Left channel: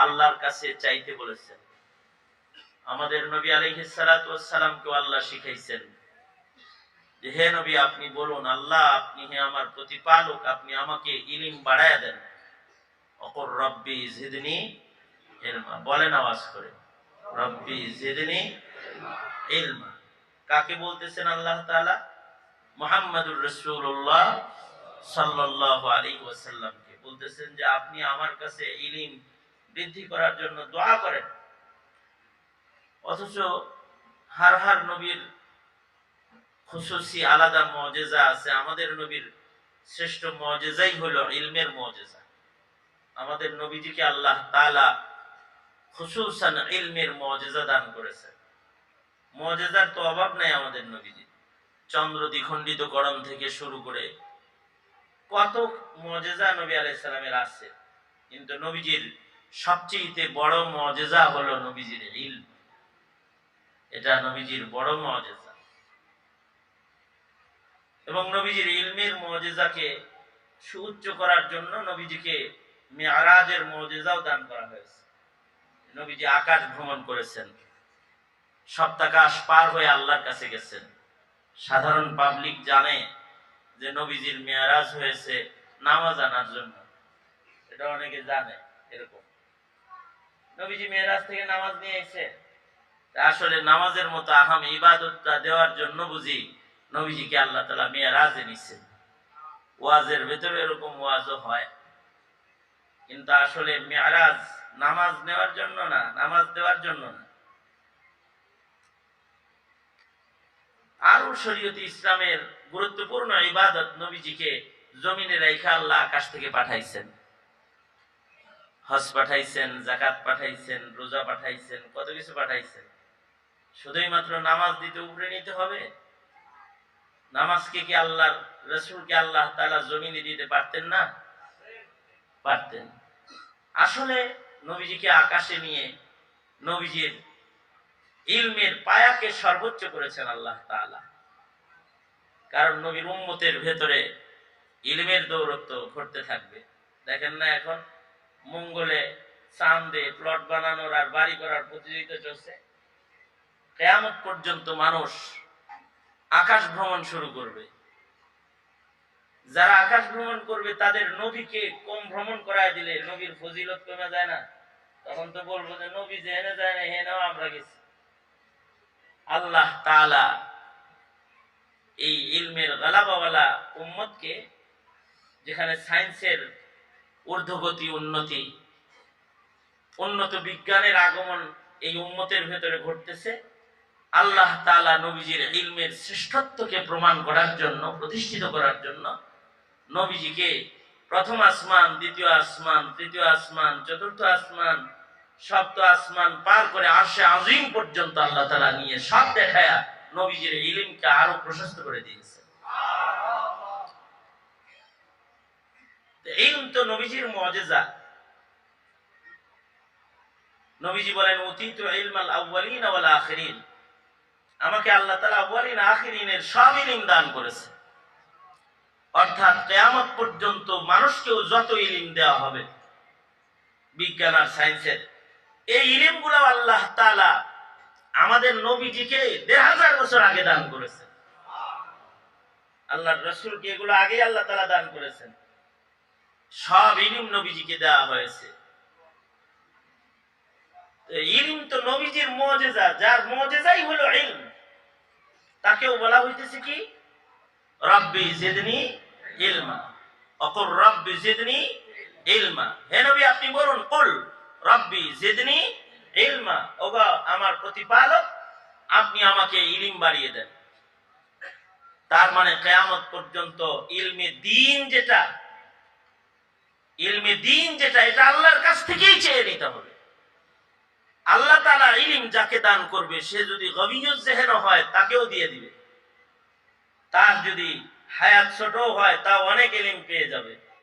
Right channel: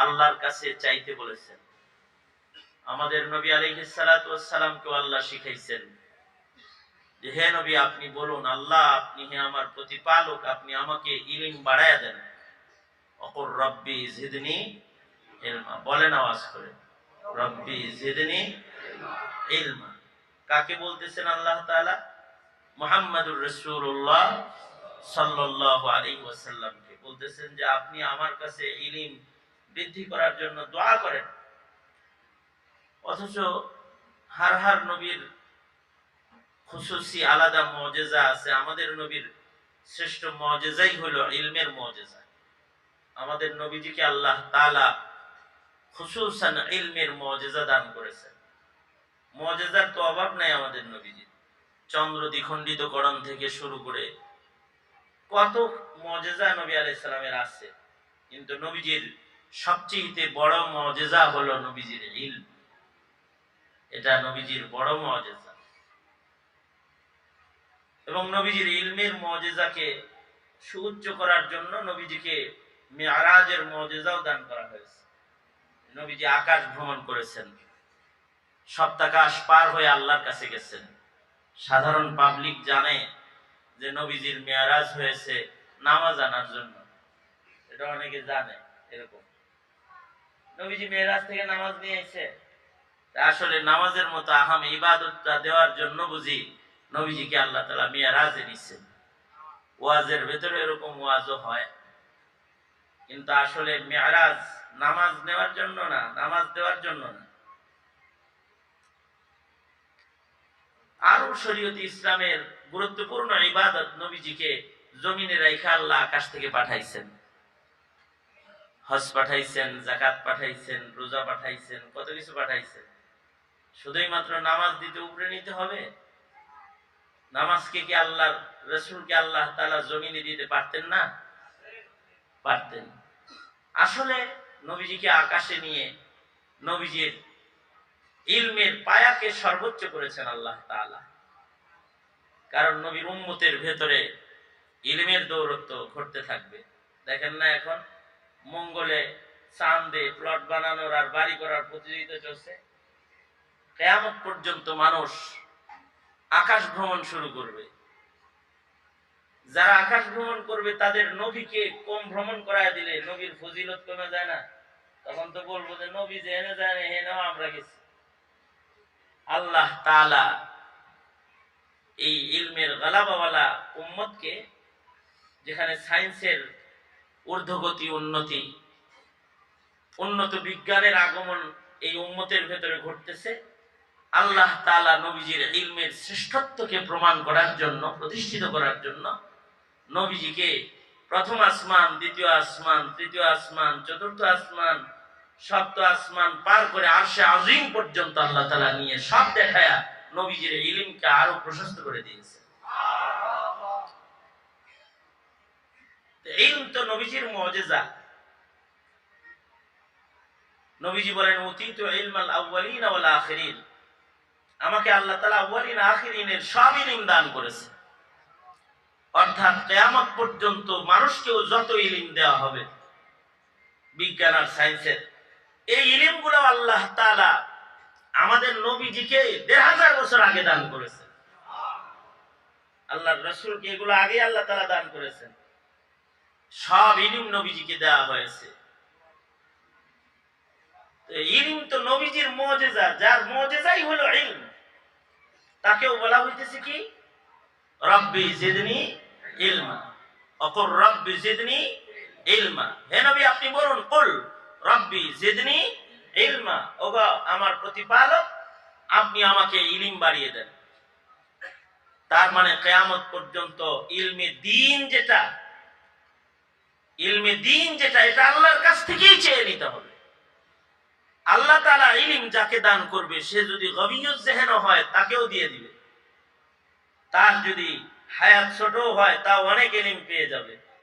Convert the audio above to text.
আল্লাহর কাছে চাইতে বলেছেন। আমাদের নবী আলাইহিস সালাতু ওয়াস সালামকে আল্লাহ শিখাইছেন যে হে নবী আপনি বলুন আল্লাহ আপনি হে আমার প্রতিপালক, আপনি আমাকে ইলম বাড়ায়া দেন। অকুর রব্বি জিদনি ইলমা, বলেন আওয়াজ করে, রব্বি জিদনি ইলমা। কাকে বলতেছেন? আল্লাহ তাআলা মুহাম্মাদুর রাসূলুল্লাহ সাল্লাল্লাহু আলাইহি ওয়াসাল্লামকে বলতেছেন যে আপনি আমার কাছে ইলম বৃদ্ধি করার জন্য দোয়া করেন। অথচ হার হার নবীর খুসুসি আলাদা মুজিজা আছে। আমাদের নবীর শ্রেষ্ঠ মুজিজাই হলো ইলমের মুজিজা। আমাদের নবীজিকে আল্লাহ তাআলা খুসুসান ইলমের মুজিজা দান করেছেন। মুজিজার তো অভাব নাই আমাদের নবীজি। চন্দ্র দ্বিখণ্ডিতকরণ থেকে শুরু করে কত মুজিজা নবী আলাইহিস সালামের আছে, কিন্তু নবীজির সবচেয়ে বড় মুজিজা হলো নবীজির ইলম। এটা নবীজির বড় মুজিজা। এবং নবীজির ইলমের মুজিজাকে সুউচ্চ করার জন্য নবীজিকে মিরাজের মুজিজাও দান করা হয়েছে। নবীজি আকাশ ভ্রমণ করেছেন, সপ্তাকাশ পার হয়ে আল্লাহর কাছে গেছেন। সাধারণ পাবলিক জানে যে নবীজির মিরাজ হয়েছে নামাজ আনার জন্য, এটা অনেকে জানে। এরকম নবীজি মিরাজ থেকে নামাজ নিয়ে এসে আসলে নামাজের মতো আহাম ইবাদতটা দেওয়ার জন্য বুঝি নবীজিকে আল্লাহ তাআলা মিরাজে নিছেন। ওয়াজের ভেতরে এরকম ওয়াজও হয়, কিন্তু আসলে মিরাজ নামাজ নেওয়ার জন্য না, নামাজ দেওয়ার জন্য না। আরো শরীয়তে ইসলামের গুরুত্বপূর্ণ ইবাদত নবীজিকে জমিনে রাইখা আল্লাহ আকাশ থেকে পাঠাইছেন। হজ পাঠাইছেন, যাকাত পাঠাইছেন, রোজা পাঠাইছেন, কত কিছু পাঠাইছেন। শুধুই মাত্র নামাজ দিতে উপরে নিতে হবে? নামাজকে কি আল্লাহর রাসূলকে আল্লাহ তাআলা জমিনে দিতে পারতেন না? পারতেন। আসলে নবীজিকে আকাশে নিয়ে নবীজির ইলমের পায়াকে সর্বোচ্চ করেছেন আল্লাহ তাআলা। কারণ নবীর উম্মতের ভেতরে ইলমের দৌরত্ব ঘটতে থাকবে। দেখেন না এখন মঙ্গলে চাঁদে প্লট বানানোর আর বাড়ি করার প্রতিযোগিতা চলছে। কিয়ামত পর্যন্ত মানুষ আকাশ ভ্রমণ শুরু করবে। যারা আকাশ ভ্রমণ করবে তাদের নবীকে কম ভ্রমণ করায় দিলে নবীর ফজিলত কমে যায় না? তখন তো বলবো যে নবী যেখানে যায় না হেনেও আমরা গেছি। আল্লাহ তাআলা এই ইলমের গালাবাওয়ালা উম্মতকে, যেখানে সায়েন্সের ঊর্ধ্বগতি উন্নত বিজ্ঞানের আগমন এই উম্মতের ভেতরে ঘটতেছে, আল্লাহ তাআলা নবীজির ইলমের শ্রেষ্ঠত্বকে প্রমাণ করার জন্য, প্রতিষ্ঠিত করার জন্য নবীজিকে প্রথম আসমান, দ্বিতীয় আসমান, তৃতীয় আসমান, চতুর্থ আসমান, সপ্ত আসমান পার করে আরশে আজিম পর্যন্ত আল্লাহ তাআলা নিয়ে সব দেখায়া নবীজির ইলমকে আরো প্রশস্ত করে দিয়েছে। ইলম তো নবীজির মুজিজা। নবীজি বলেন উতীতু ইলমাল আউয়ালিন ওয়াল আখিরিন, আমাকে আল্লাহ তাআলা আউয়ালিন আখিরিনের সব ইলম দান করেছে। অর্থাৎ কিয়ামত পর্যন্ত মানুষকেও যত ইলম দেওয়া হবে বিজ্ঞান আর সায়েন্সের, এই ইলমগুলো আল্লাহ তাআলা আমাদের নবীজিকে ১৫০০ বছর আগে দান করেছেন। আল্লাহর রাসূলকে এগুলো আগেই আল্লাহ তাআলা দান করেছেন। সব ইলম নবীজিকে দেওয়া হয়েছে। ইলম তো নবীজির মুজিজা, যার মুজিজাই হলো ইলম, তাকেও বলা হইতেছে কি? রব্বি জিদনি ইলমা। অকুর রব্বি জিদনি ইলমা, হে নবী আপনি বলুন কুল রব্বি জিদনি ইলমা, ওগো আমার প্রতিপালক আপনি আমাকে ইলম বাড়িয়ে দেন। তার মানে কিয়ামত পর্যন্ত ইলমে দ্বীন যেটা এটা আল্লাহর কাছ থেকেই চেয়ে নিতে হবে। আল্লাহ তাআলা ইলম যাকে দান করবে সে যদি গবিয়ুজ জেহেন হয় তাকেও দিয়ে দিবে। তার যদি হায়াত ছোট হয় তাও অনেক ইলম পেয়ে যাবে।